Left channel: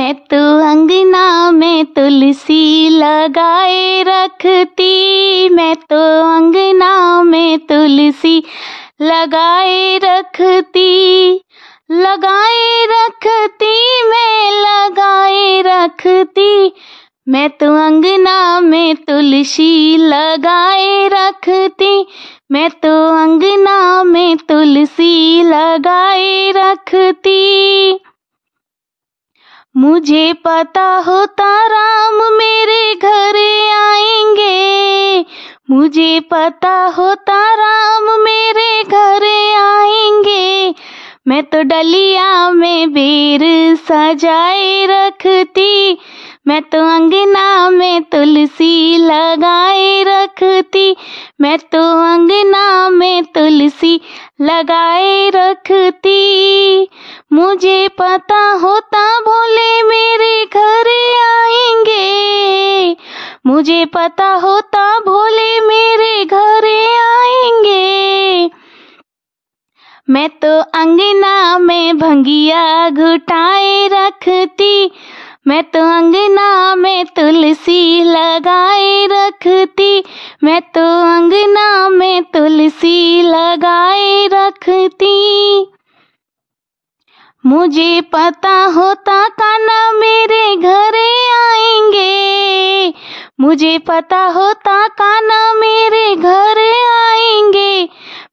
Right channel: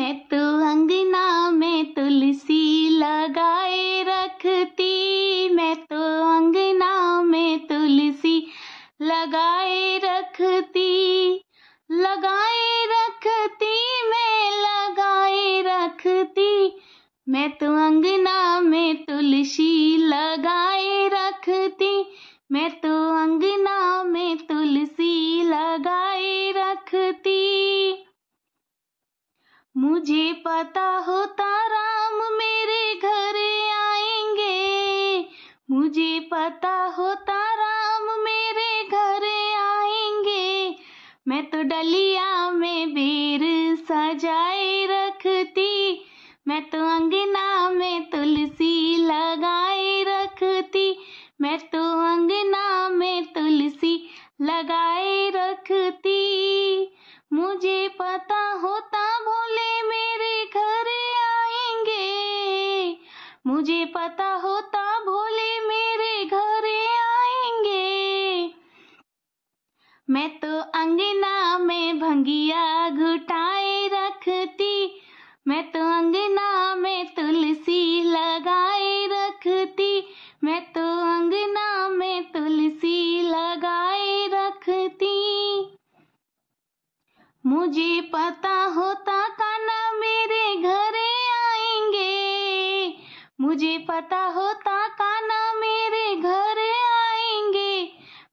मैं तो अंगना में तुलसी लगाए रखती, मैं तो अंगना में तुलसी लगाए रखती, लगाए रखती, मैं लगाए रखती, मैं तो अंगना में तुलसी लगाए रखती, मैं तो अंगना में तुलसी लगाए रखती। मुझे पता होता राम मेरे घर आएंगे, मुझे पता होता राम मेरे घर आएंगे, मैं तो डलिया में बेर सजाए रखती, मैं तो अंगना में तुलसी लगाए रखती, मैं तो अंगना में तुलसी लगाए रखती। मुझे पता होता भोले मेरे घर आएंगे, मुझे पता होता भोले मेरे घर आएंगे, मैं तो अंगना में भंगिया घुटाए रखती, मैं तो अंगना में तुलसी लगाए रखती, मैं तो अंगना में तुलसी लगाए रखती। मुझे पता होता कान्हा मेरे घर आएंगे, मुझे पता होता कान्हा मेरे घर आएंगे,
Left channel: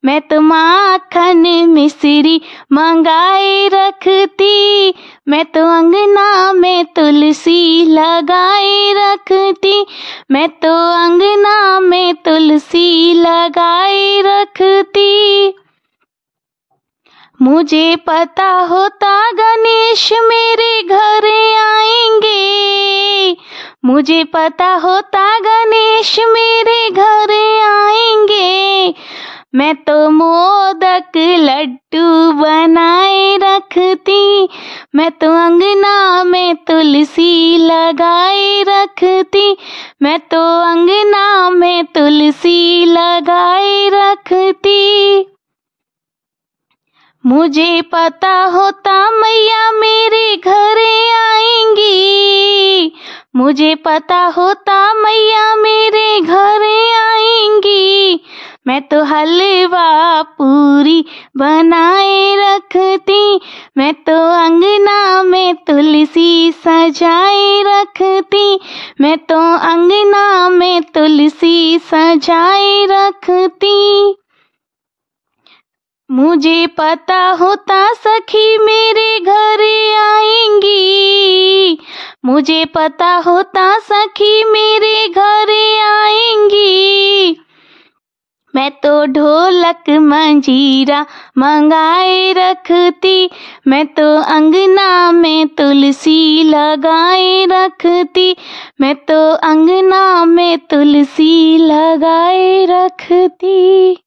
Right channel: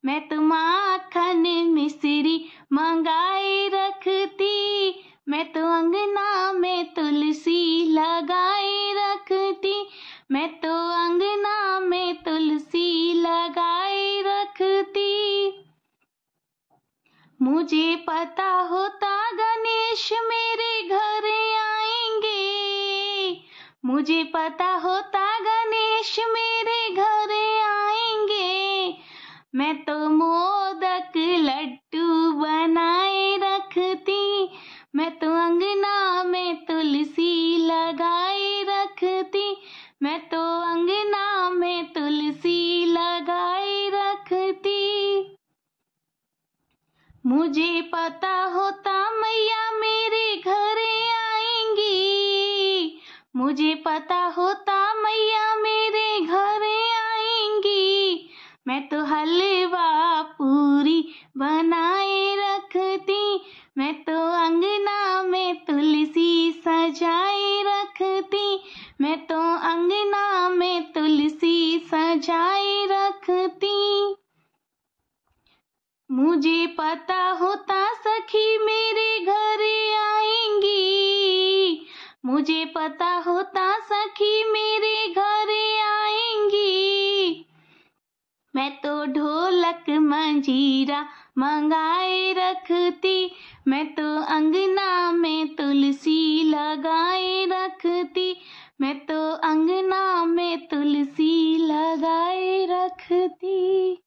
मैं तो माखन मिश्री मंगाए रखती, मैं तो अंगना में तुलसी लगाए रखती, मैं तो अंगना में तुलसी लगाए रखती। मुझे पता होता गणेश मेरे घर आएंगे, मुझे पता होता गणेश मेरे घर आएंगे, मैं तो मोदक लड्डू बनाए रखती, मैं तो अंगना में तुलसी लगाए रखती, मैं तो अंगना में तुलसी लगाए रखती। मुझे पता होता मैया मेरे घर आएंगी, मुझे पता होता मैया मेरे घर आएंगी, मैं तो हलवा पूरी बनाए रखती, मैं तो अंगना में तुलसी सजाए रखती, मैं तो अंगना में तुलसी सजाए रखती। मुझे पता होता सखी मेरे घर आएंगी, मुझे पता होता सखी मेरे घर आएंगी, मैं तो ढोलक मंजीरा मंगाए रखती, मैं तो अंगना में तुलसी लगाए रखती, मैं तो अंगना में तुलसी लगाए रखती।